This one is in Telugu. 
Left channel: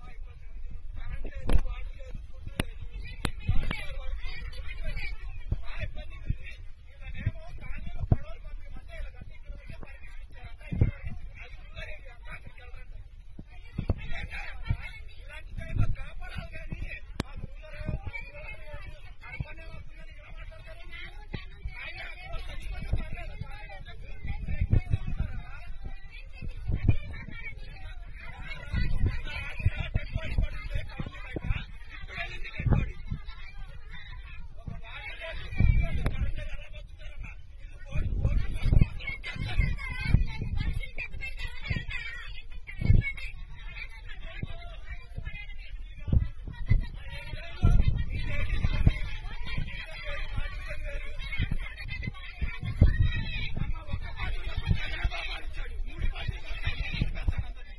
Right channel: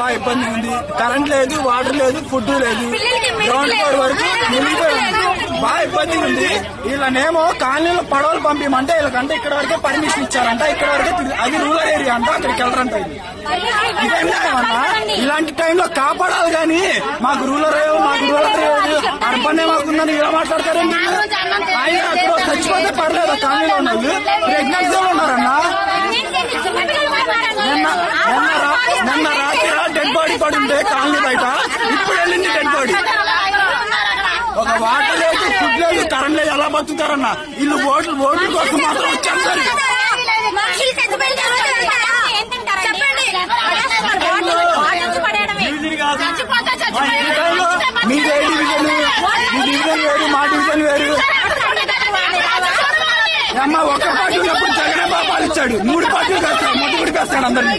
బాగా ఇబ్బంది ఉంది. కరెంట్ లేదు, వాటర్ లేదు, ఫుడ్ లేదు, గ్రౌండ్ ఫ్లోర్ వరకు బాగా ఇబ్బంది ఉంది. వీళ్ళనేమో కాలనీలో పడవలు పంపించమంటే వీళ్ళకంటే ఇక్కడ వరకే పర్మిషన్ ఇచ్చారంట. ఇక్కడ వరకే అది రూరల్ ఏరియా అంట, అక్కడికి వెళ్ళరంట. ఇదేమన్నా ఇలాంటి టైంలో కాపాడాలి కానీ మాకు రూరల్ లేదు అర్బన్ మాకుందని ఇలా మాట్లాడతారండి. ఆయన అక్కడ చచ్చిపోతే పర్లేదు, కాలనీలో ఉన్న వాళ్ళు ప్రెగ్నెన్సీలో ఉన్నారన్నా. నిన్న రాత్రి డెడ్ బాడీ పడి ఉంటే కాలనీ బయట, ఇప్పుడు వెళ్ళింది డెడ్ బాడీ. ఒక వాటర్ లేదు, ఫుడ్ లేదు, కరెంట్ లేదు, ఎలా బతుకుతారన్నా? వీళ్ళు ఓట్ల కోసం మాత్రం వచ్చేస్తారు. మీ డివిజన్ వేరు, మా డివిజన్ వేరు. అమ్మ ఒక్క పార్టీ ఉన్నప్పుడు జగన్ బాబాలు ఇచ్చాడు, 3 పార్టీలు కాస్తాడు, మొదటి కాస్తాడు అందరినీ.